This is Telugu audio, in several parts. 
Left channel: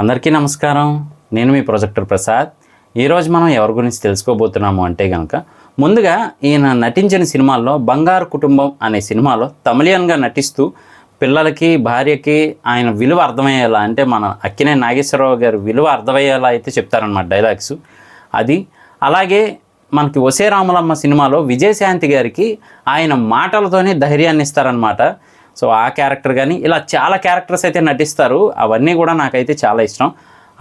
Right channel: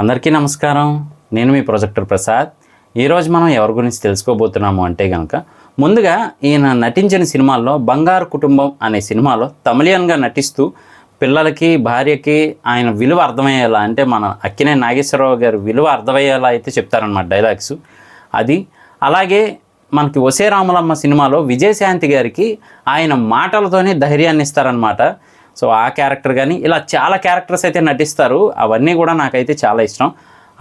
అందరికీ నమస్కారం. నేను మీ ప్రొజెక్టర్ ప్రసాద్. ఈరోజు మనం ఎవరి గురించి తెలుసుకోబోతున్నాము అంటే కనుక, ముందుగా ఈయన నటించిన సినిమాల్లో బంగారు కుటుంబం అనే సినిమాలో తమిళియన్గా నటిస్తూ పిల్లలకి, భార్యకి ఆయన విలువ అర్థమయ్యేలా, అంటే మన అక్కినేని నాగేశ్వరరావు గారి విలువ అర్థమయ్యేలా అయితే చెప్తారనమాట డైలాగ్స్. అది అలాగే మనకి ఒసే రాములమ్మ సినిమాలో విజయశాంతి గారికి ఆయన మాటలతోనే ధైర్యాన్ని ఇస్తారనమాట. సో ఆ క్యారెక్టర్ కానీ ఇలా చాలా క్యారెక్టర్స్ అయితే నటిస్తారు. అవన్నీ కూడా నాకైతే చాలా ఇష్టం.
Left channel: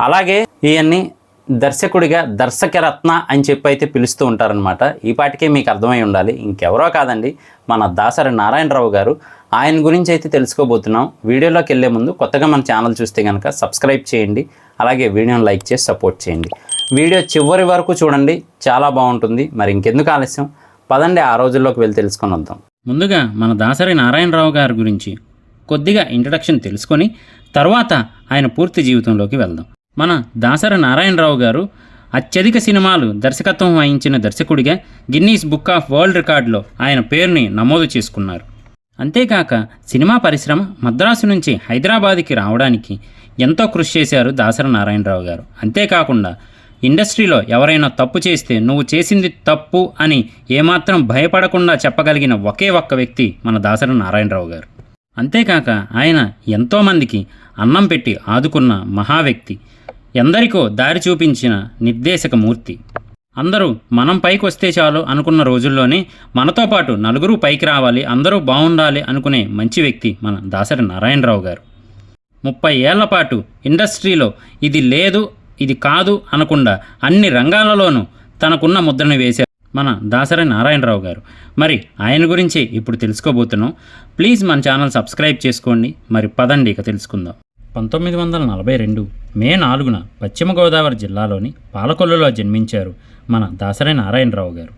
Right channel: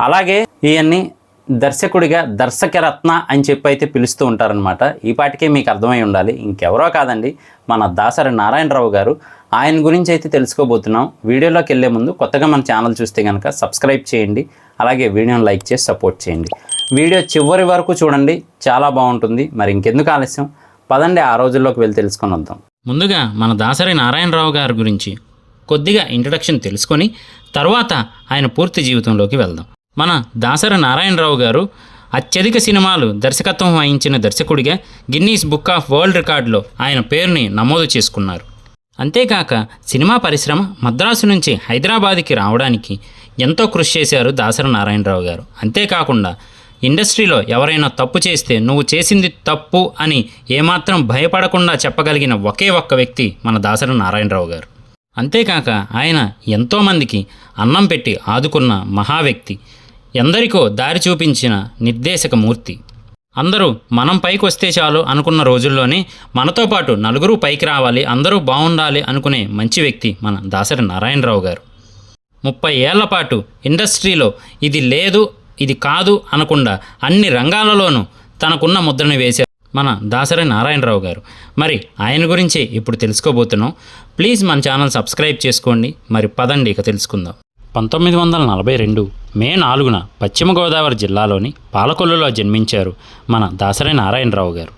అలాగే ఈయన్ని దర్శకుడిగా దర్శకరత్న అని చెప్పి అయితే పిలుస్తూ ఉంటారనమాట. ఈ పాటికే మీకు అర్థమై ఉండాలి, ఇంకెవరో కాదండి, మన దాసరి నారాయణరావు గారు. ఆయన గురించి అయితే తెలుసుకోబోతున్నాం. వీడియోలోకి వెళ్ళే ముందు కొత్తగా మన ఛానల్ చూస్తే కనుక సబ్స్క్రైబ్ చేయండి, అలాగే వీడియోని లైక్ చేసి సపోర్ట్ చేయండి. వీడియో చివరి వరకు చూడండి, చాలా బాగుంటుంది. మరి ఇంకెందుకు ఆలస్యం, పదండి ఆ రోజుల్లోకి వెళ్ళి తెలుసుకొని వద్దాం. ముందుగా మన దాసరి నారాయణరావు గారి గురించి కొద్దిగా ఇంట్రడక్షన్ తెలుసుకొని తర్వాత ఆయన పూర్తి జీవితంలోకి వెళ్దాం. మన దాసరి నారాయణరావు గారు అత్యధిక సినిమాలు దర్శకత్వం వహించిన దర్శకుడిగా గిన్నీస్ బుక్ ఆఫ్ వరల్డ్ రికార్డులో ఆయన పేరుని నమోదు చేసుకున్నారు. అంతేకాక సినిమా పరిశ్రమ మద్రాసు నుంచి హైదరాబాద్కి రావడానికి ఎంతో కృషి చేశారు దాసరి నారాయణరావు గారు. అంతేకాకుండా ఇండస్ట్రీలో ఎవరైనా తప్పు చేస్తే నువ్వు చేసింది తప్పు అని ఏమాత్రం భయపడకుండా చెప్పగలిగిన ఒకే ఒక్క వ్యక్తి మన దాసరి నారాయణరావు గారు. అంతేకాక ఆయన ఎంతోమందికి అన్నం పెట్టి ఆదుకున్న మహా వ్యక్తి, ఎందరికో దారి చూపించిన నిర్దేశకమూర్తి. అందరూ మనం పైకి వస్తే చాలు అనుకున్న రోజుల్లోనే మనతో పాటు నలుగురు పైకి రావాలి, అందరూ బాగుండాలి అనుకునే మంచి వ్యక్తి మన దాసరి నారాయణరావు గారు. 30 ఏళ్ల పాటు ఇండస్ట్రీలో ఇది లేదు, ఇది కాదు అనకుండా అన్ని రంగాలలోనూ తనకున్న ముద్రను వేశారు మన దాసరి నారాయణరావు గారు. మరి ఆయన గురించి ఇప్పుడు తెలుసుకోబోతున్నాం. ప్లీజ్ మన ఛానల్ సబ్స్క్రైబ్ చేసుకోండి. మరి పదండి ఇక తెలుసుకుందాం. 1942 మే 4న పశ్చిమ గోదావరి జిల్లాలోని పాలకొల్లులో జన్మించారు మన దాసరి నారాయణరావు గారు.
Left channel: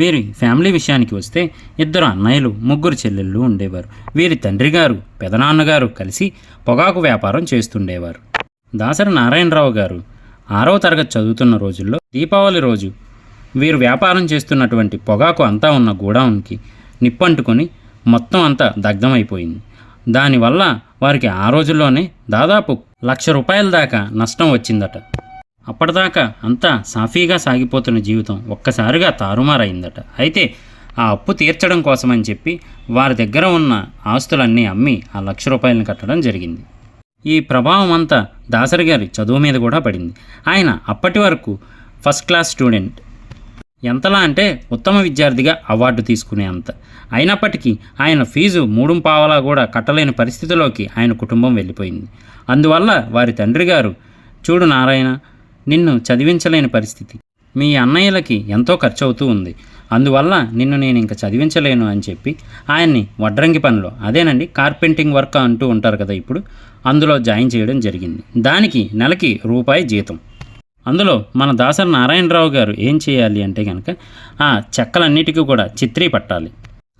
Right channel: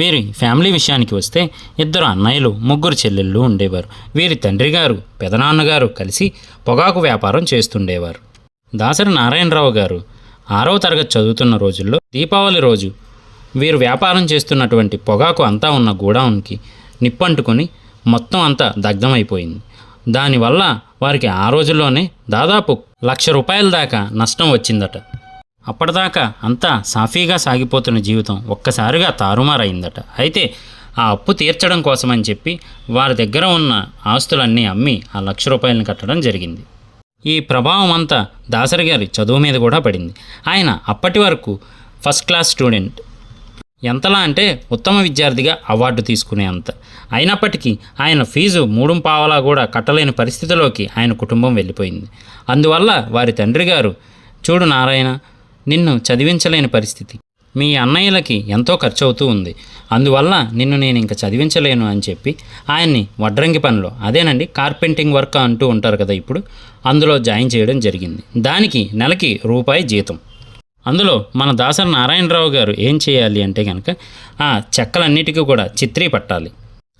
వీరి ఫ్యామిలీ విషయానికి వస్తే 2 అన్నయ్యలు, 3 చెల్లెళ్ళు ఉండేవారు. వీరి తండ్రి గారు, పెదనాన్నగారు కలిసి పొగాకు వ్యాపారం చేస్తుండేవారు. దాసరి నారాయణరావు గారు 6వ తరగతి చదువుతున్న రోజుల్లో దీపావళి రోజు వీరు వ్యాపారం చేస్తున్నటువంటి పొగాకు అంతా ఉన్న గోడౌన్కి నిప్పంటుకొని మొత్తం అంతా దగ్ధమైపోయింది. దానివల్ల వారికి ఆ రోజుల్లోనే దాదాపు ₹1,00,000 దాకా నష్టం వచ్చిందట. అప్పటిదాకా అంతా సాఫీగా సాగిపోతున్న జీవితం ఒక్కసారిగా తారుమారైందట. అయితే ఆ అప్పు తీర్చడం కోసమని చెప్పి వారి దగ్గర ఉన్న ఆస్తులన్నీ అమ్మి ఆ ₹1,00,000 కట్టడం జరిగింది. ఈ ప్రభావం అంతా దాసరి గారి చదువు మీద కూడా పడింది. ఆయన అప్పటి వరకు ఫస్ట్ క్లాస్ స్టూడెంట్, ఎంతలా అంటే ఉత్తమ విద్యార్థిగా అవార్డు తీసుకునే అంత. అయినప్పటికీ ఆయన ఫీజు 3 కూడా కట్టలేని పరిస్థితిలోకి ఆయన కుటుంబం వెళ్ళిపోయింది. అందువల్ల వారి తండ్రి గారు, చూడు నారాయణ, నిన్ను చదివించలేని పరిస్థితి, మీ అన్నయ్యలకి ఎంతో ఖర్చు అవుతూ ఉంది, అందువల్ల నిన్ను నేను ఇంకా చదివించలేను అని చెప్పి ఆయన్ని వడ్రంగి పనిలో, అదేనండి కార్పెంటింగ్ వర్క్ అంటూ ఉంటారు కదా ఇప్పుడు, అందులో జాయిన్ చేయడం జరిగింది. దానికి నెలకి ₹1 జీతం. అందులో మన దాసరి నారాయణరావు గారు ఏం చేయాలి అంటే కనుక ఆ చెక్కలన్నిటికీ కూడా చిత్రీ పట్టాలి.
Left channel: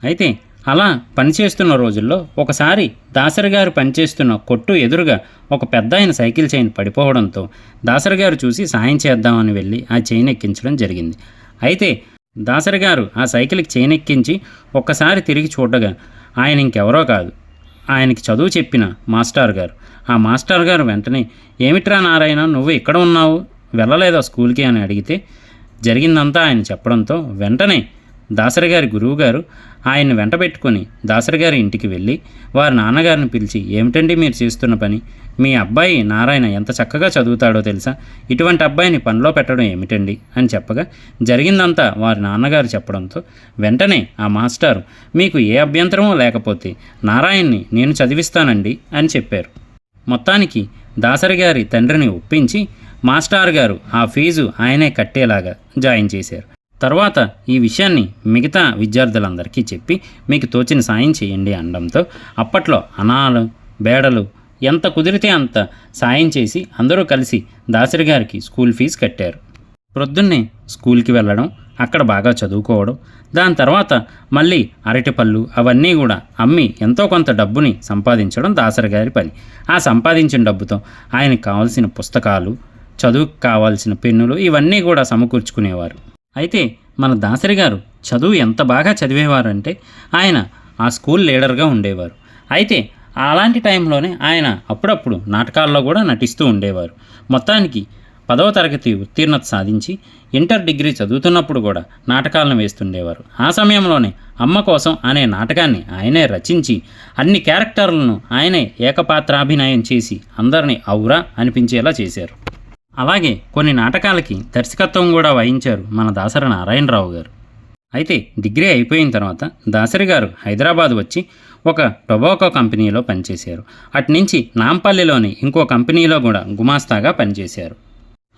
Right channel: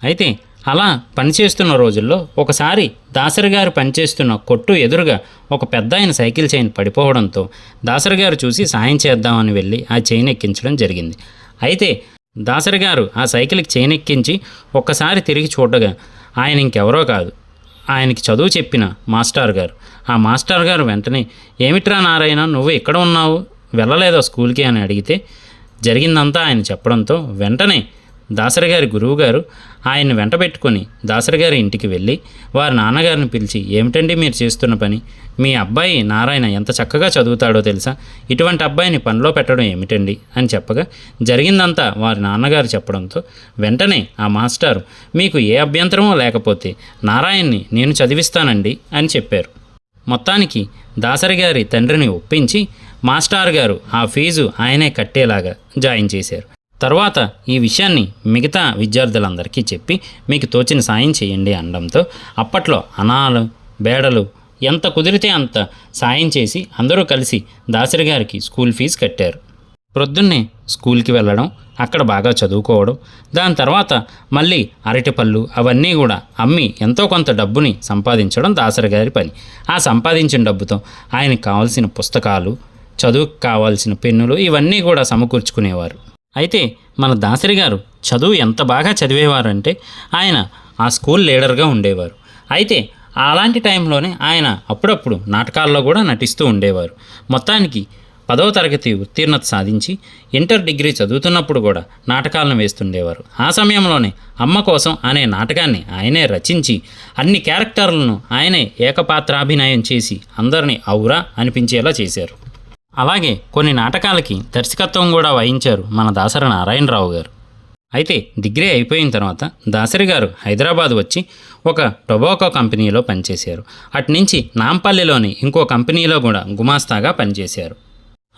అయితే అలా పనిచేస్తున్న రోజుల్లో ఒకసారి దాసరి గారు పనిచేస్తున్న కొట్టు ఎదురుగా ఒక పెద్ద ఆయన సైకిల్ చైన్ పడిపోవడంతో దాసరి గారు చూసి సాయం చేద్దామని వెళ్ళి ఆ చైన్ ఎక్కించడం జరిగింది. అయితే దాసరి గారు ఆ సైకిల్కి చైన్ ఎక్కించి ఒక్కసారి తిరిగి చూడగా ఆయన ఇంకెవరో కాదు, ఆయనకి చదువు చెప్పిన మాస్టర్ గారు. ఆ మాస్టర్ గారు వెంటనే, ఏమిట్రా నారాయణ, నువ్వు ఇక్కడ ఉన్నావు, వెళ్ళలేదా స్కూల్కి అని అడిగితే జరిగిందంతా ఆయన చెప్పడంతో వెంటనే దాసరి గారి గురువు గారు ఆయన్ని వెంట పెట్టుకొని దాసరి గారి ఇంటికి వెళ్ళి వారి నాన్నగారిని పిలిచి, ఏమిటండి మీరు చేస్తున్న పని, మీ అబ్బాయి నారాయణ ఎంత చక్కగా చదువుతాడో తెలుసా, ఇటువంటి అబ్బాయిని పనిలో పెట్టడం ఏమిటండి అని చెప్పగా జరిగిందంతా వారి నాన్నగారు చెప్పడంతో వెంటనే ఆ మాస్టారు, మీకు ఏ అభ్యంతరమో లేకపోతే నారాయణ్ని నేను చదివిస్తానండి అని చెప్పారు. మొత్తానికి దాసరి గారి తండ్రిని ఒప్పించి మాస్టర్ గారు ఆ ఫీజు ఆయనే కట్టేలాగా జాయిన్ చేశారు. తర్వాత ఈ విషయాన్ని మిగతా విద్యార్థులందరికీ చెప్పి మీకు తోచిన సాయం చేయండి అనడంతో అప్పట్లో అనాలు, బేడలు ఎంత కుదిరితే అంత సాయం చేసి అందరూ కలిసి దాసరి గారికి స్కూల్ ఫీజు కట్టారు. ప్రొద్దున్నే స్కూల్కి వెళ్ళడం, అక్కడ బాగా చదువుకోవడం, దాని తర్వాత మళ్ళీ అరటిపళ్ళు అవన్నీ కూడా అమ్మి ఎంతో కొంత డబ్బుని సంపాదించడం దాసరి గారి పని. ఆ సంపాదించిన డబ్బుతో ఆయనకు కావాల్సిన పుస్తకాలు, చదువుకు కావాల్సిన పెన్నులు ఇవన్నీ కూడా సమకూర్చుకునేవారు. అయితే మన దాసరి గారు చదువు ఎంత బాగా చదివేవారంటే ఆయన ఆ స్కూల్ లీడర్గా ఉండేవారు. అయితే అలాంటి టైంలోనే ఆయన అప్పుడప్పుడు నాటకాల్లో కూడా నటిస్తూ ఉండేవారు. మొత్తానికి 10వ తరగతి ఉత్తీర్ణత సాధించి ఇంటర్ డిగ్రీ చదువుతున్నప్పుడు కూడా నాటకాలను వేస్తుండేవారు. ఆ సమయంలోనే అమ్మ కోసం అనే నాటకాన్ని ఆయనే రచించి అన్ని క్యారెక్టర్లను ఆయనే ఏకపాత్రాభినయం చేసి అందరినీ ఔరా అనిపించేలా చేశారు. అలాగే కొన్ని నాటకాలకి దర్శకత్వం కూడా వహించారు మన దాసరి నారాయణరావు గారు. అయితే డిగ్రీ అయిపోయిన తర్వాత దాసరి గారు హైదరాబాద్ వచ్చి ఒక టొబాకో కంపెనీలో పనిచేశారు. అట్నుంచి నాంపల్లిలోని ఇంకో కంపెనీలో కూడా గుమాస్తాగా పనిచేశారు.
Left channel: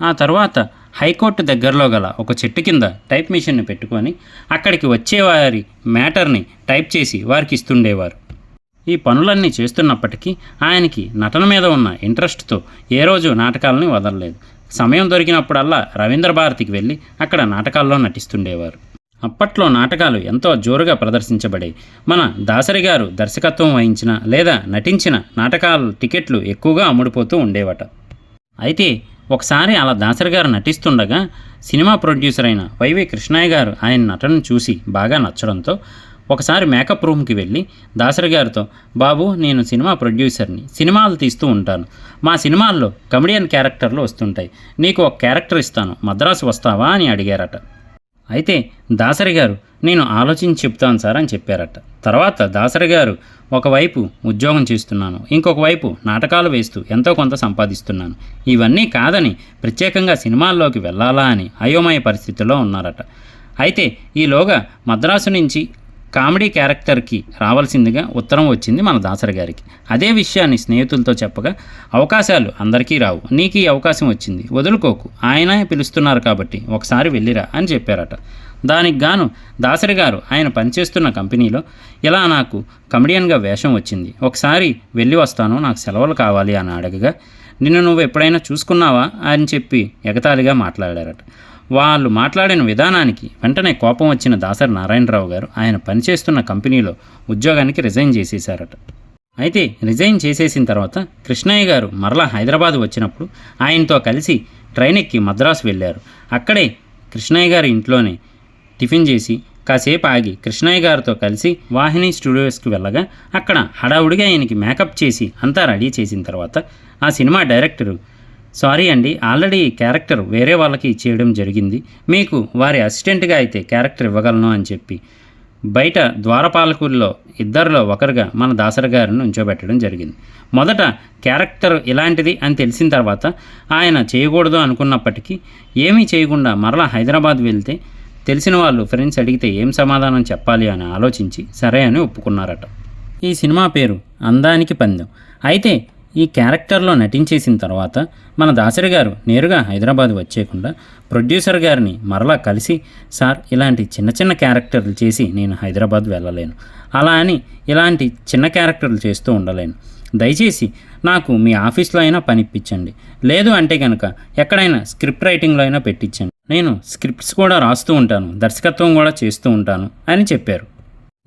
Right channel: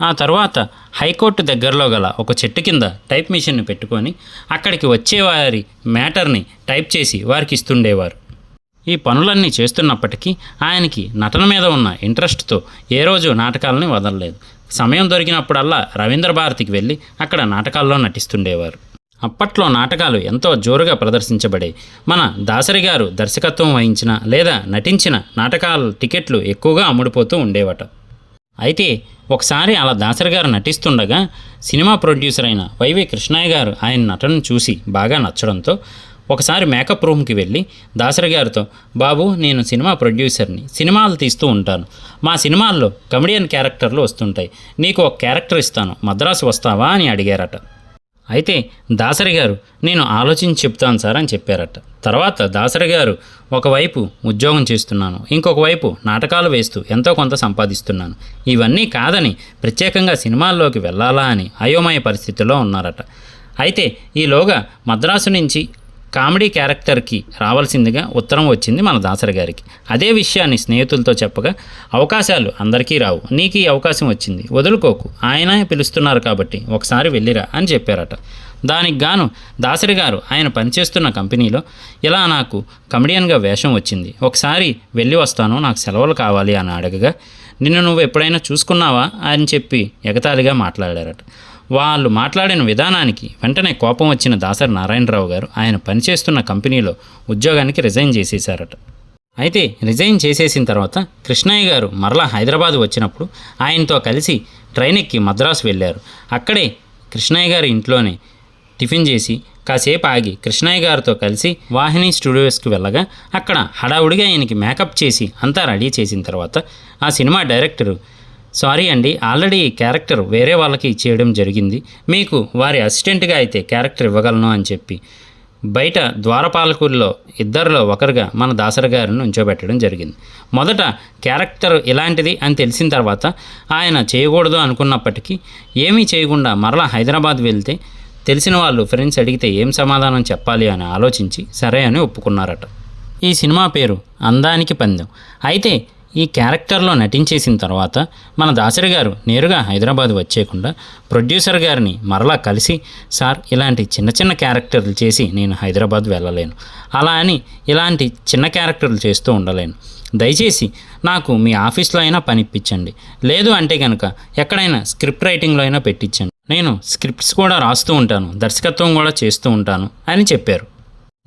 ఆ తర్వాత హైకోర్టు దగ్గరలో గల ఒక చెట్టు కింద టైప్ మిషన్ను పెట్టుకొని అక్కడికి వచ్చేవారి మ్యాటర్ని టైప్ చేసి వారికి ఇస్తుండేవారు. ఈ పనులన్నీ చేస్తున్నప్పటికీ ఆయనకి నటన మీద ఉన్న ఇంట్రెస్ట్తో ఏ రోజు నాటకాలని వదలలేదు. సమయం దొరికినప్పుడల్లా రవీంద్ర భారతికి వెళ్ళి అక్కడ నాటకాల్లో నటిస్తుండేవారు. అప్పట్లో నాటకాలు ఎంతో జోరుగా ప్రదర్శించబడాయి. మన దాసరి గారు దర్శకత్వం వహించిన లేదా నటించిన నాటకాల టికెట్లు ఎక్కువగా అమ్ముడుపోతూ ఉండేవట. అయితే ఒకసారి అలా దాసరి గారు నటిస్తుండగా సినిమా ప్రొడ్యూసర్ అయిన వైవి కృష్ణయ్య గారు ఆయన నటనను చూసి బాగా నచ్చడంతో ఒకసారి మేకప్ రూమ్కి వెళ్ళి దాసరి గారితో, బాబు నేను సినిమా ప్రొడ్యూసర్ని, సినిమాలు తీస్తూ ఉంటాను, మా సినిమాల్లో కమెడియన్ క్యారెక్టర్లు వస్తుంటాయి, నీకు ఒక క్యారెక్టర్ ఇస్తాను, మద్రాసు వస్తావా అని అడిగారట. అయితే దాసరి గారు నేను ఆలోచించి చెప్తాను సార్ అని చెప్పారట. తర్వాత దాసరి గారు ఒకవైపు ఉద్యోగం చేస్తున్నాను, ఇంకొక వైపు నాటకాలు వేస్తూ ఎంతో కొంత సంపాదిస్తున్నాను, ఇవన్నీ కాదని ప్రత్యేకంగా సినిమాల్లోకి వెళ్ళాలా అని అయోమయ పరిస్థితిలో ఉన్నారట. అయితే ఈలోగా మద్రాసు నుంచి కామెడీ క్యారెక్టర్కి రావాల్సిందిగా ఉత్తరం వచ్చింది మన దాసరి గారికి. అదే విషయాన్ని స్నేహితులతో చెప్పగా, అవకాశాలు అందరికీ రావు, నీకు ఈ అవకాశం వచ్చింది, వదులుకోకు, ఆయనే పిలుస్తున్నారు కాబట్టి ఒకసారి వెళ్ళిరా అని చెప్పారట. దానికి గాను దాసరి గారు ఆయన పనిచేస్తున్న కంపెనీలో ఇలా నాకు కమెడియన్గా వేషం వచ్చింది, ఒకసారి వెళ్ళి వస్తాను, నాకు సెలవులు కావాలి అని అడగగా, నిన్ను నువ్వు ఎప్పుడైనా చూసుకున్నావా అని చెప్పి ఎగతాళిగా మాట్లాడారట. వాళ్ళు మాట్లాడిన విధానానికి వెంటనే కోపం వచ్చిన దాసరి నారాయణరావు గారు ఆయన పనిచేస్తున్న కంపెనీలో ఉద్యోగానికి రిజైన్ చేసేశారట. అయితే రిజైన్ చేసేసిన తర్వాత కృష్ణయ్య గారు మరలా హైదరాబాద్ వచ్చినప్పుడు ఆయనతో కలిసి ట్రైన్ ఎక్కి మద్రాసు వెళ్ళారు. అక్కడే కృష్ణయ్య గారి ఇంట్లోనే టిఫిన్ చేసి కాసేపు ఆగి కృష్ణయ్య గారితో కలిసి వాహిని స్టూడియోస్కి వెళ్ళగా అక్కడ హడావుడిగా ఆయనకి మేకప్ చేసి అంతా రెడీ చేసిన తర్వాత ఆ సినిమా డైరెక్టరు, సారీ అండి, ఆల్రెడీ ఈ క్యారెక్టర్ వేరే వాళ్ళకి ఇచ్చేయడం జరిగింది, మీకు వారి అసిస్టెంట్గా అయితే క్యారెక్టర్ ఇవ్వగలను అని చెప్పి బయట ద్వారపాలకుల్లో ఇద్దరిలో ఒకరుగా మన దాసరి గారిని ఉంచోబెట్టడం జరిగింది. మొదట క్యారెక్టర్ ఇలాంటిది అని తెలిసిన తర్వాత ఆయన చేయకూడదు అనుకున్నప్పటికీ ఏమీ చేయకుండా మరలా హైదరాబాద్ వెళ్తే తెలిసిన వాళ్ళు ఫ్రెండ్స్ అడిగితే ఏం సమాధానం చెప్పాలి అని ఆలోచించి సరే అని ఒప్పుకున్నారట. ఈ సినిమా పేరు అందానికి పందెం. అయితే ఈ క్యారెక్టర్లో నటించేసిన తర్వాత మన దాసరి గారు నేరుగా హైదరాబాద్ వచ్చేయకుండా ప్రొడ్యూసర్ గారిని మరలా కలిసి, సార్ ఇలాంటి చిన్న చిన్న క్యారెక్టర్లు చేసి నేను హైదరాబాద్ వెళ్ళలేను, అలా అని ఇలాంటి చిన్న క్యారెక్టర్లు చేస్తూ ఉండలేను, దయచేసి నాకు మీ ఆఫీస్లో అయినా పనిప్పించండి, లేదు అంటే కనుక ఎక్కడైనా స్క్రిప్ట్ రైటింగ్లో అయినా పెట్టించండి, నేను స్క్రిప్ట్స్ కూడా రాస్తూ ఉంటాను, దర్శకత్వం కూడా చేస్తూ ఉంటాను అని చెప్పారు.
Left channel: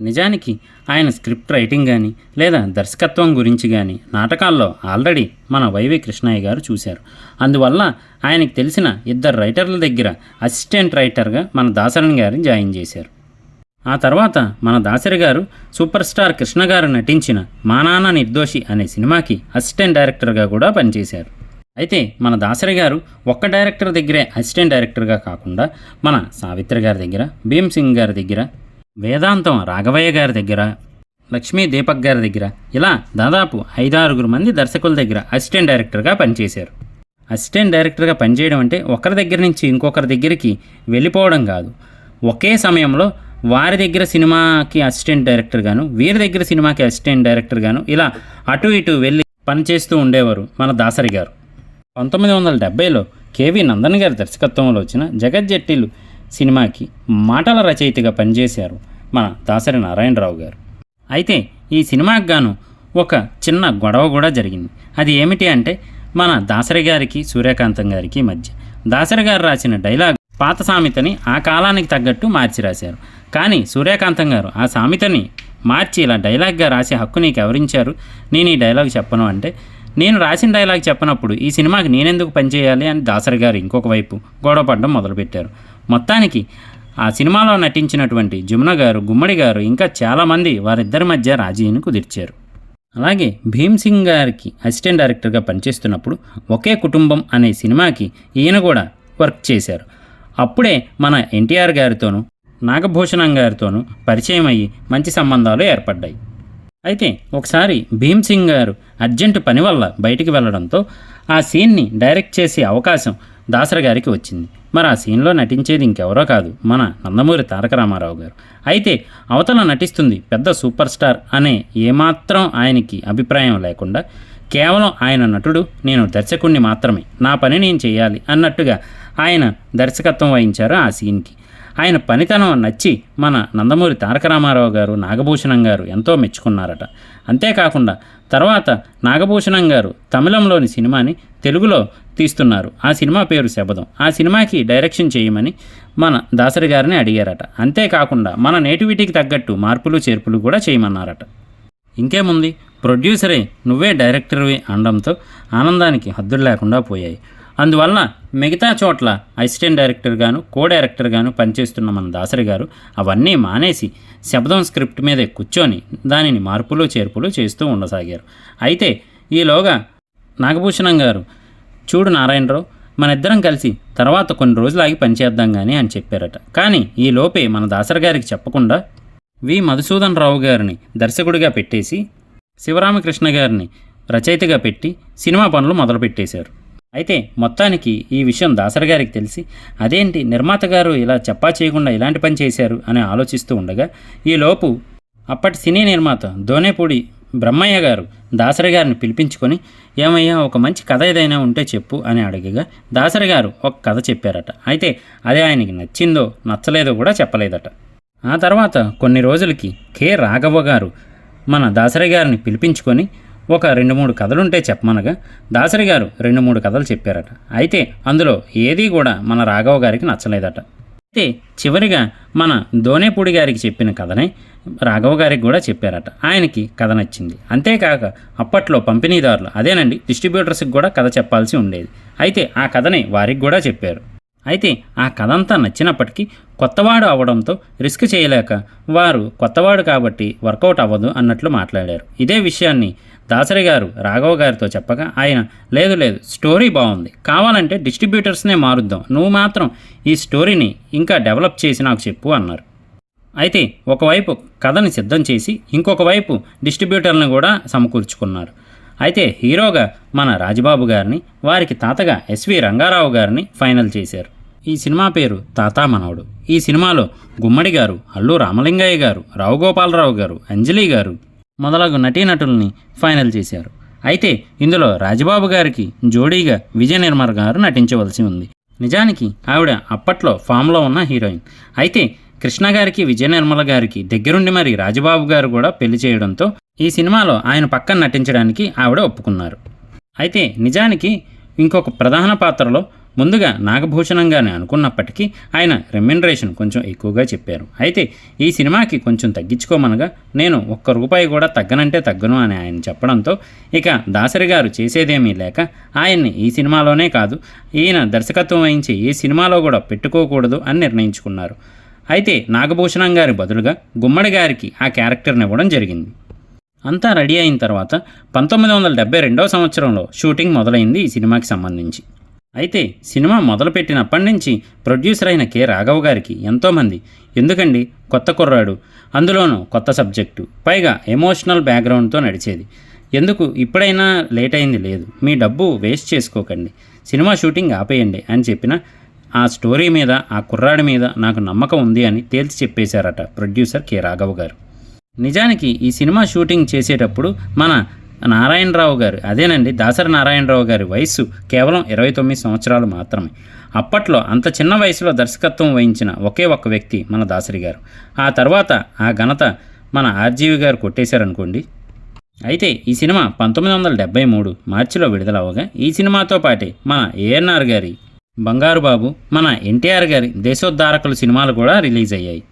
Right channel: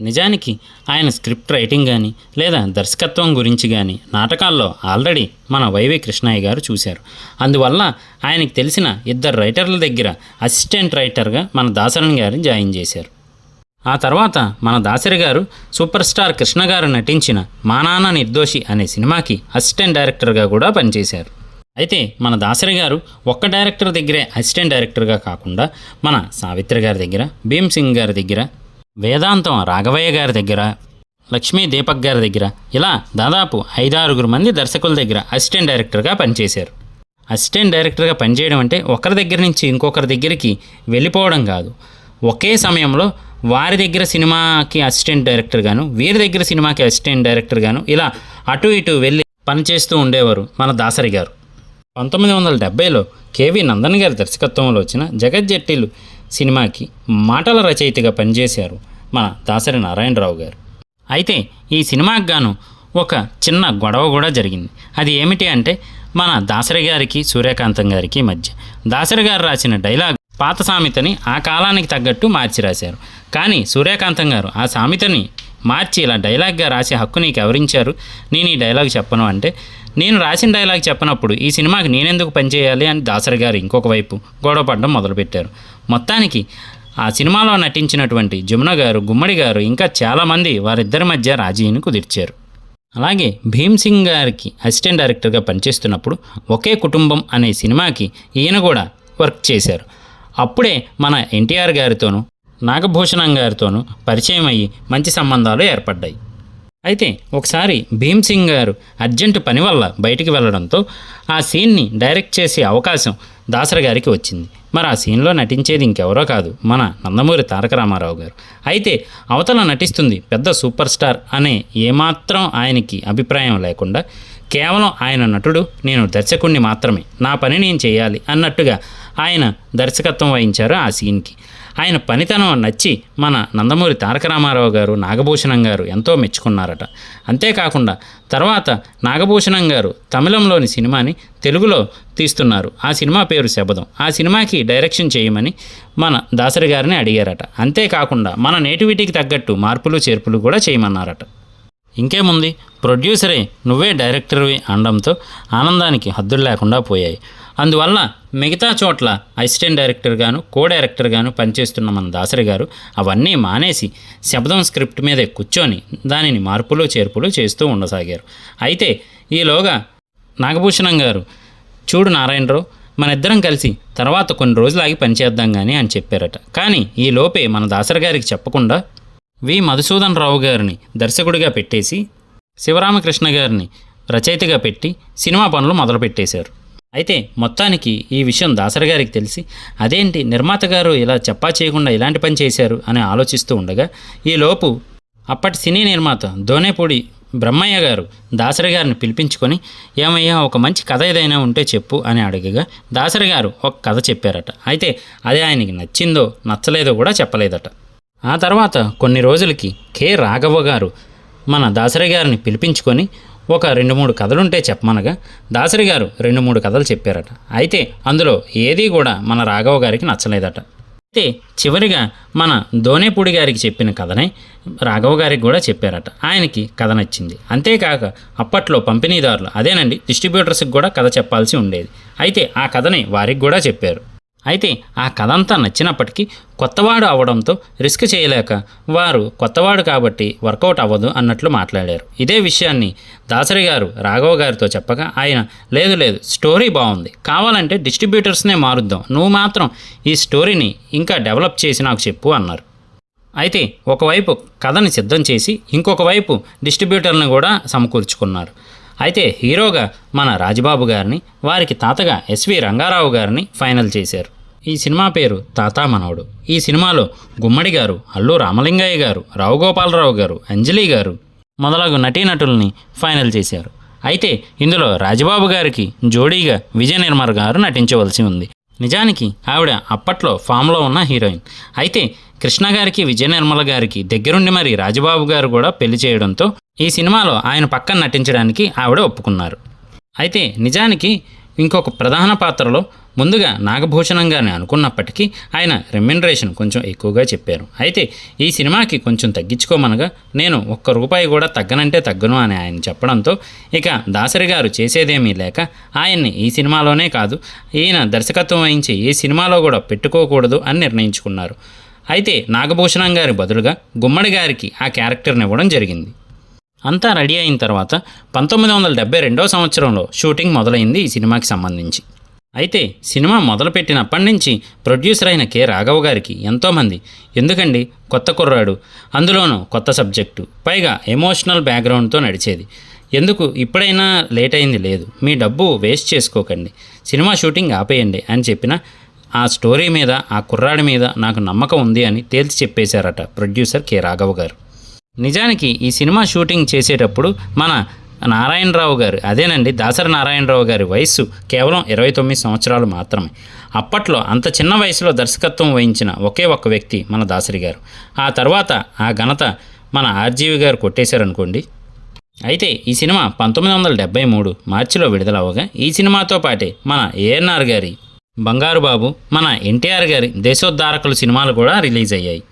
నిజానికి ఆయన స్క్రిప్ట్ రైటింగ్ కానీ లేదా దర్శకత్వం గురించి కానీ నాటకాల్లో ఆల్రెడీ మన వైవి కృష్ణయ్య గారు చూశారు. అందువల్ల ఆయనకు తెలిసిన ఇద్దరు రైటర్ల దగ్గర అసిస్టెంట్ రైటర్గా మన దాసరి గారిని జాయిన్ చేశారు. ఆ తర్వాత మన దాసరి గారు సూపర్ స్టార్ కృష్ణ గారు నటించిన మా నాన్న నిర్దోషి అనే సినిమాకి అసిస్టెంట్ డైరెక్టర్గా కూడా పనిచేశారు. అయితే మన దాసరి గారు ఒక్క డైరెక్టర్ దగ్గరే అసిస్టెంట్ డైరెక్టర్గా కాకుండా మన సావిత్రి గారి దగ్గర, భీమ్ సింగ్ గారి దగ్గర, వేదాంతం రాఘవయ్య గారి దగ్గర, లక్ష్మీ దీపక్ గారి దగ్గర ఇలా దాదాపు 5-6 మంది దర్శకుల దగ్గర అసిస్టెంట్ డైరెక్టర్గా పనిచేశారు. అసిస్టెంట్ డైరెక్టర్గా పనిచేయడం అంటే ఒకరి దగ్గర నుంచి ఇంకొకరి దగ్గరికి వెళ్ళిపోవడం కాదు, ఒకే సమయంలో వారి దగ్గర సినిమాకి అసిస్టెంట్ డైరెక్టర్ గాను, వీరి దగ్గర సినిమాకి అసిస్టెంట్ డైరెక్టర్ గాను ఇలా అటు ఇటు వెళ్ళి పనిచేస్తూ ఉండేవారు మన దాసరి గారు. 1970లో కేవి నందన్ గారి దర్శకత్వంలో వచ్చిన జగజ్జట్టిలు సినిమాకి మాటల రచయితగా పనిచేశారు మన దాసరి నారాయణరావు గారు. అయితే ఈ సినిమాకి గాను ఒక చిన్న గొడవ కూడా జరిగింది. అది ఏమిటి అంటే మన దాసరి గారికి సూర్యకాంతం గారికి మధ్య. దాసరి గారు రాసిన డైలాగ్ పాత సామెతని ఆ కాలానికి తగ్గట్టు మార్చి రాశారు. కానీ సూర్యకాంతం గారు ఆ సామెతని మార్చి ఇలా డైలాగ్గా రాసే హక్కు నీకు ఎవరించారు, నేను ఈ డైలాగ్ చెప్పను అంటే, నేను రాసిన డైలాగ్ చెప్పనప్పుడు ఈ సినిమాకి నేనెందుకు పనిచేయాలి అని దాసరి గారు ఇంకొక వైపు గొడవపడడం మొదలుపెట్టారు. మొత్తానికి ఆ సినిమాలో నటించినటువంటి జమున గారు, గుమ్మడి గారు ఇంకా చాలామంది వారిద్దరి మధ్య రాజీని కుదిర్చారు. అలాగే భీమ్ సింగ్ గారికి అసిస్టెంట్ డైరెక్టర్గా పనిచేస్తున్నప్పుడు ఒకే కుటుంబం అనే సినిమాకి ఈయన కూడా వర్క్ చేశారు. అప్పుడే మన ఎన్టీఆర్ గారితోనూ నాగభూషణం గారితోనూ పరిచయం అయ్యి మంచి సంబంధాలు ఏర్పడ్డాయి. అయితే ఒకసారి భీమ్ సింగ్ గారు అర్జెంటు పని వల్ల బయటికి వెళ్ళడంతో ఆ సీన్ని డైరెక్ట్ చేసే అవకాశం దాసరి గారికి వచ్చింది. మరి ఆ సీన్లో నటించేది ఇంకెవరో కాదు, మన నందమూరి తారక రామారావు గారు. అయితే అవతల నటిస్తుంది పెద్ద సూపర్ స్టార్ అనే ఏమాత్రం ఆయనకి అభిప్రాయం లేకుండా కేవలం ఆయన నటుడు, నేను దర్శకుడిని మాత్రమే, నా పని నేను చేయాలి అన్నట్టుగా ఆయన దర్శకత్వం వహించారు ఆ సీన్కి. ఆయన పనితనం నచ్చి మన నందమూరి తారక రామారావు గారు, నాగభూషణం గారు ఎంతో మెచ్చుకున్నారట. అంతేకాకుండా తర్వాత నాగభూషణం గారు తమిళంలోని సినిమాని తెలుగులో తీస్తున్నారు. ఆ సినిమా పేరు శబదం. ఆ సినిమాకి డైరెక్షన్ చేయమని మన దాసరి గారిని అడిగారట. అంతేకాకుండా మన నేటివిటీకి తగ్గట్టు మార్పులు చేర్పులు కూడా చేయమన్నారట. ఇంకేముంది, ప్రొడ్యూసరే నువ్వే డైరెక్టర్వి అనడంతో ఆనందానికి హద్దులు లేకుండా పోయాయి. అందువల్ల మిగతా చోట్ల అసిస్టెంట్ డైరెక్టర్గాను, కో డైరెక్టర్గాను పనిచేస్తున్న మన దాసరి గారు అవన్నీ మానేసి శబ్దం స్క్రిప్ట్ మీదే కూర్చొని దానిని మార్పులు చేర్పులు చేస్తూ ఉండసాగారు. అయితే ఈలోగా నాగభూషణం గారు, చూడు నారాయణరావు, మన ఇద్దరం కలిసి తర్వాత కొన్ని రోజులాగి పనిచేద్దాం కానీ అని చెప్పారట. కానీ ఈ లోపే మన దాసరి గారికి చెప్పకుండా వి మధుసూదన్ రావు గారిని దర్శకుడిగా పెట్టేసి శివరామకృష్ణ గారిని రచయితగా పెట్టి సినిమా పనులు మొదలుపెట్టేశారు. అయితే మొత్తానికి ఈ విషయం దాసరి గారికి తెలిసి, అదేంటి నిర్మాత గారు ఇలా చెప్పా చేయకుండా ఇలాంటి పని చేశారు అని ఆలోచిస్తూ ఉండగా ఈలోపు అప్పటి సినీ నిర్మాత దోనేపూడి బ్రహ్మయ్య గారు దాసరి గారిని పిలిపించుకొని, ఏమయ్యా ఒక మంచి కథ ఏదైనా ఉంటే చెప్పు అని అడగగా దాసరి గారు ఒక కథ చెప్పారట. అయితే అదే ఆయనకి నచ్చిందో నచ్చలేదో కూడా చెప్పలేదట. ఆ తర్వాత కొన్ని రోజులకి కె రాఘవ గారు మన దాసరి గారిని పిలిపించుకొని ఒక 2-3 కథలుంటే చెప్పమనగా దాసరి గారు 2-3 కథలు చెప్పారట. అయితే అందులో ఏదీ కూడా మన రాఘవ గారికి నచ్చలేదట. అయితే చివరిగా మన దోనేపూడి గారికి చెప్పిన కథనే రాఘవ గారికి కూడా చెప్పారట. ఆయనకి కథ నచ్చింది. అంతేకాక అప్పట్లో పంపిణీదారులు, అదేనండి డిస్ట్రిబ్యూటర్స్కి కూడా కథ చెప్పాల్సి ఉండేది. అయితే ఆ కథని వారికి కూడా చెప్పారు. అయితే ఆ కథ అంతా నచ్చినప్పటికీ కొత్తవాడు అవడంతో రిస్క్ చేయలేక వారు కొత్తవాడు కాబట్టి వర్కౌట్ అవ్వదు అన్నట్లు మాట్లాడారు. ఇదే విషయాన్ని దాసరి గారు రాఘవ గారితో చెప్పగా ఆయన, లేదు లేదు, స్టోరీ బాగుంది, కావాలంటే డిస్ట్రిబ్యూటర్స్నే మారుద్దాం, నువ్వు మాత్రం ఈ స్టోరీని ఇంకా డెవలప్ చేసి నాకు చెప్పు అన్నారు. అయితే ఒకవైపు కథని సిద్ధం చేసి ఇంకొక వైపు డిస్ట్రిబ్యూటర్ని కూడా సమకూర్చుకున్నారు. అయితే హీరోగా మన రాజబాబు గారిని, వారికి తాతగా ఎస్వి రంగారావు గారిని ఫైనల్ చేశారు. ఈ సినిమా పేరు తాతా మనవడు. ఈ సినిమాలో గుమ్మడి గారు, అల్లు రామలింగయ్య గారు, రావు గోపాలరావు గారు, అంజలి గారు మొదలగు నటీనటుల్ని ఫైనల్ చేశారు. అయితే ఇందులో రాజబాబు గారికి జోడీగా విజయ నిర్మల్ గారు నటించవలసి ఉంది. నిజానికి ఆవిడ అప్పట్లో ఫామ్లో ఉన్న హీరోయిన్. అయితే కృష్ణ గారికి, విజయ నిర్మల గారికి దగ్గరుండి మరి రాజబాబు గారు కూడా పెళ్లి చేయడంతో ఈ సినిమాలో ఆయన పక్కన నటించడానికి ఆవిడ ఒప్పుకున్నారు. అయితే నిజానికి ఇంకొక ప్రధాన పాత్రలో ముందుగా నాగభూషణంగానే అనుకున్నప్పటికీ ఆయన రెమ్యునరేషన్ కొంచెం ఎక్కువగా చెప్పారు. అయితే ఈ సినిమాకి కొంచెం తగ్గించుకోమనగా నేను ₹1 కూడా తగ్గనంటే తగ్గను అని ఆయన చెప్పడంతో ఇక దాసరి గారు చేసేదేమీ లేక ఆయన్ని ఈ సినిమాలోనే కాదు, ఈయన దర్శకత్వం వహించి ఏ సినిమాలో కూడా పెట్టుకోకూడదు అని నిర్ణయించుకున్నారు. అయితే నాగభూషణం గారి బదులుగా గుమ్మడి గారికి ఆ క్యారెక్టర్ని ఇవ్వడం జరిగింది. అంతా రెడీ అయిన తర్వాత 1972 సంవత్సరంలో షూటింగ్ మొదలైంది ఈ సినిమాకి సంబంధించి. అయితే సినిమా మొదలుపెట్టినప్పటి నుంచి ప్రొడ్యూసర్ అయిన కె రాఘవ గారికి ఎంతోమంది, ఎందుకండి కొత్త కుర్రాడు, అందులోనూ కొత్త సబ్జెక్టు, పైగా ఎమోషనల్ బ్యాక్గ్రౌండ్తో నడిచేది, ఎందుకు ఇప్పుడైనా లేట్ అయింది లేదు, మీ డబ్బు వేస్ట్ చేసుకోకండి, సినిమా షూటింగ్ ఆపేయండి అని చెప్పిన ఆ స్టోరీ మీద, ఆ కుర్రాడి మీద నాకు నమ్మకం ఉంది అని తేల్చి చెప్పేశారట ప్రొడ్యూసర్ కె రాఘవ గారు. నిజానికి ఈ సినిమా షూటింగ్ చేసేటప్పుడు మన నారాయణరావు గారు, అదేనండి దాసరి నారాయణరావు గారి వయస్సు కేవలం 29 సంవత్సరాలు మాత్రమే. అప్పట్లో అంత చిన్న వయసులో దర్శకత్వం వహించిన ఒకే ఒక్క వ్యక్తి మన దాసరి గారు. ఆ తర్వాత ఆ ఘనత మన ఆర్జీవి గారు కొట్టేశారనుకోండి. అయితే ఈ సినిమా 1973 మార్చిలో విడుదలవగా ఈ సినిమాతో పాటే మన ఏఎన్ఆర్ గారి బంగారు బాబు, మన ఎన్టీఆర్ గారి దేశోద్ధారకులు సినిమాలు కూడా రిలీజ్ అయ్యాయి.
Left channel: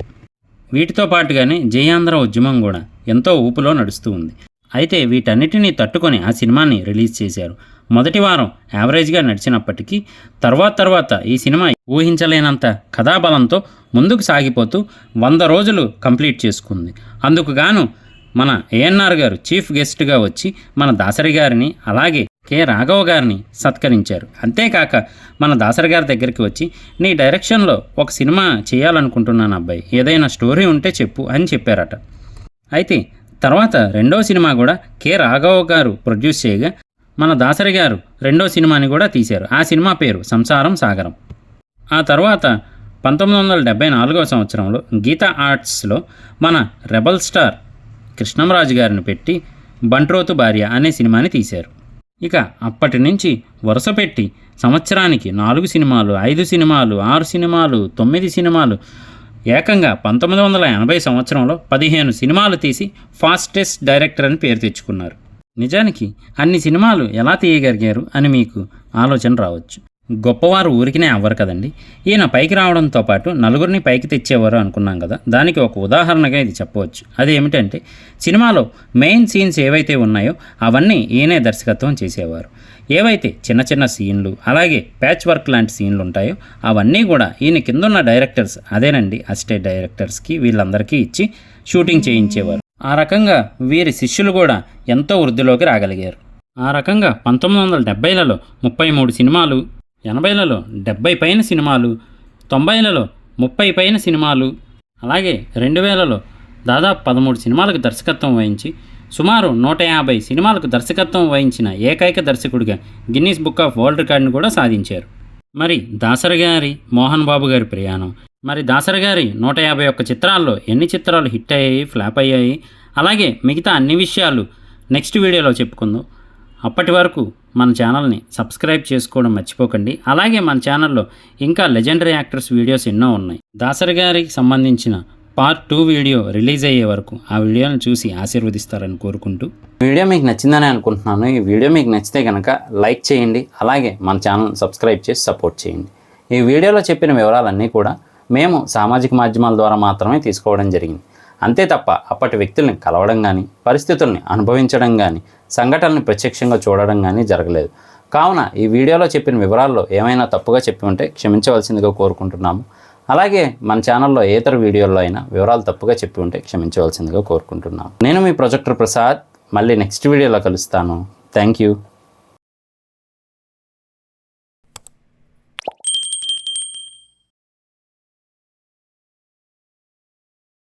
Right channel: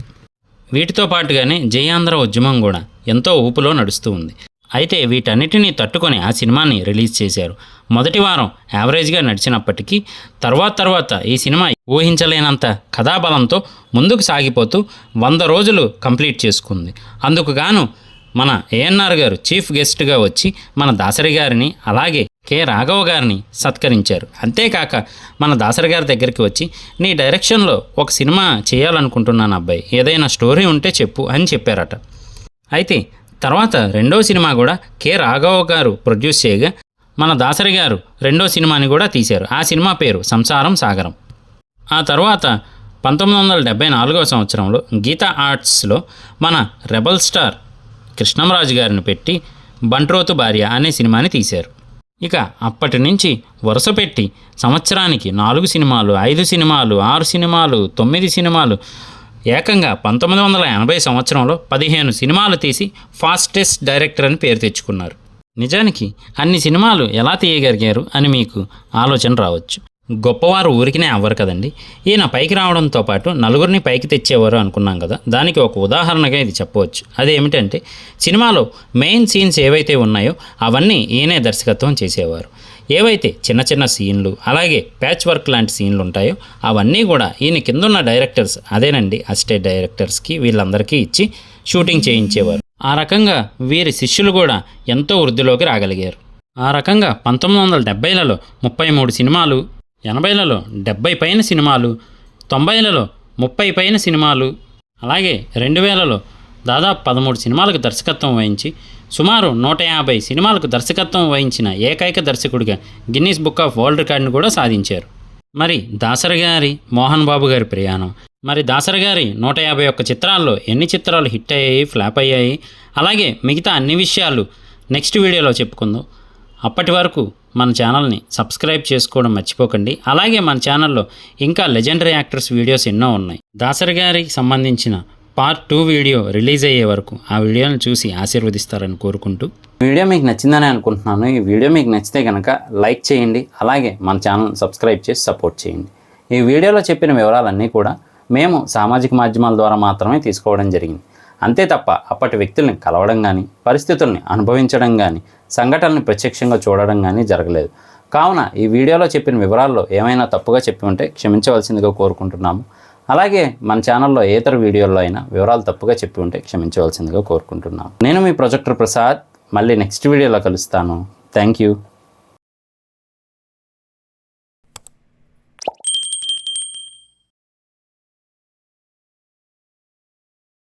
వీటితో పాటుగానే జయాంధ్ర ఉద్యమం కూడా ఎంతో ఊపులో నడుస్తూ ఉంది. అయితే వీటన్నిటినీ తట్టుకొని ఆ సినిమాని రిలీజ్ చేశారు. మొదటి వారం యావరేజ్గా నడిచినప్పటికీ తర్వాత ఈ సినిమా ఊహించలేనంత కథాబలంతో ముందుకు సాగిపోతూ 100 రోజులు కంప్లీట్ చేసుకుంది. అందుకు గాను మన ఏఎన్ఆర్ గారు చీఫ్ గెస్ట్గా వచ్చి మన దాసరి గారిని అలాగే కె రాఘవ గారిని సత్కరించారు. అంతేకాక మన దాసరి గారి దగ్గరికి వచ్చి నీ డైరెక్షన్లో ఒక సినిమా చేయాలనుకుంటున్నాను అబ్బాయి, ఏదైనా స్టోరీ ఉంటే చెప్పు అని చెప్పారట. అయితే తర్వాత రెండవ సినిమా కూడా కె రాఘవ గారు ప్రొడ్యూస్ చేయగా మన దాసరి గారు రెండో సినిమాని కూడా తీశారు. ఆ సినిమా పేరు సంసారం సాగరం. ఆ తర్వాత 1974 సంవత్సరంలో గీతా ఆర్ట్స్లో మన రెబల్ స్టార్ కృష్ణంరాజు గారిని పెట్టి బంట్రోతు భార్య అనే సినిమాని తీశారు. ఇక అప్పటి నుంచి వరుస పెట్టి సంవత్సరానికి 4 సినిమాలు, 5 సినిమాలు, 6 సినిమాలు, 9 సినిమాలు, ఏకంగా 1980 సంవత్సరంలో 15 సినిమాలు తీసి ఫాస్టెస్ట్ డైరెక్టర్ అని పేరు తెచ్చుకున్నారు. నిజానికి అన్ని సినిమాలు ఎలా తీయగలిగారు అని మీకు ఆలోచన రావచ్చు. గొప్పవారు ఊరికినే అవ్వరు కదండి. ఈయన పైకి రావడంతో పాటు నలుగురిని పైకి తెచ్చేవారు అనుకున్నాం కదా, దానికి ఒక ఉదాహరణగా ఇది చెప్పవచ్చు. అదేమిటంటే సినిమాలో మెయిన్ సీన్స్ ఏవైతే ఉన్నాయో అవన్నీ ఈయనే దర్శకత్వం చేసేవారు. ఏవైతే చిన్న చిన్న సీన్లు అలాగే ప్యాచ్ వర్క్ లాంటి సీన్లు ఉంటాయో అవన్నీ కూడా ఈయన కిందున్న డైరెక్టర్స్, అదేనండి అసిస్టెంట్ డైరెక్టర్స్కి వీళ్ళందరికీ ఇచ్చి షూటింగ్ చేయించేవారు. ఆ రకంగా వీరి శిష్యులు కూడా ఎంతో వృద్ధిలోకి రాగలిగారు. ఆ రకంగా 1970లలో 33 సినిమాలు, 80లలో 70 పైన సినిమాలు, 90లలో 30 పైన సినిమాలు, అలాగే 2000లలో దాదాపు 13 సినిమాలకు దర్శకత్వం వహించి సుమారు 150 సినిమాలకు దర్శకత్వం వహించిన ఏకైక దర్శకుడిగా గిన్నీస్ బుక్ ఆఫ్ వరల్డ్ రికార్డును కూడా సాధించారు. మరి దాసరి గారి, మోహన్ బాబు గారి ప్రయాణం, మరి దాసరి గారి 151 చిత్రాల్లో ఎన్ని చిత్రాలు హిట్ అయ్యాయి, ఫ్లాప్ అయ్యాయి, అలాగే మిగతా అన్ని విషయాలు నెక్స్ట్ వీడియోలో చెప్పుకుందాం. అప్పటి వరకు మన ఛానల్ని సబ్స్క్రైబ్ చేసుకోవడం మర్చిపోకండి. అలాగే మన ఛానల్లో ఇంకా లెజెండరీ యాక్టర్స్ వీడియోస్ ఎన్నో ఉన్నాయి. దాసరి గారికి సంబంధించిన పార్ట్ 2 వీడియో రిలీజ్ అయ్యే వరకు ఆ వీడియోని చూసి ఆశీర్వదిస్తారని కోరుకుంటూ, వీడియో మీకు నచ్చిందని అనుకుంటున్నాను. ఈ వీడియో మీకు నచ్చితే కనుక లైక్ చేయండి, అలాగే మన ఛానల్ సబ్స్క్రైబ్ చేసి సపోర్ట్ చేయండి. ఈ వీడియోలో చెప్పిన వివరాలన్నీ కూడా మేము సామాజిక మాధ్యమాల ద్వారా మాత్రమే తీసుకోవడం జరిగింది. అంతే తప్ప అప్పటి వ్యక్తుల్ని కలవడం కానీ, పరిస్థితుల్ని అనుభవించడం కానీ, సంఘటనల్ని ప్రత్యక్షంగా చూడడం కానీ జరగలేదు. కావున ఈ వీడియోలో చెప్పిన వివరాల్లో ఏమైనా తప్పుగా చెప్పి ఉంటే క్షమించవలసిందిగా కోరుకుంటున్నాము. అలాగే మన ఛానల్లో ఇతర వీడియోల్లో అయినా వివరాలు తప్పుగా చెప్పి ఉంటే క్షమించవలసిందిగా కోరుకుంటున్నాము. నేను మీ ప్రొజెక్టర్ ప్రసాద్. మళ్ళీ నెక్స్ట్ వీడియోలో కలుస్తాను. Thank you.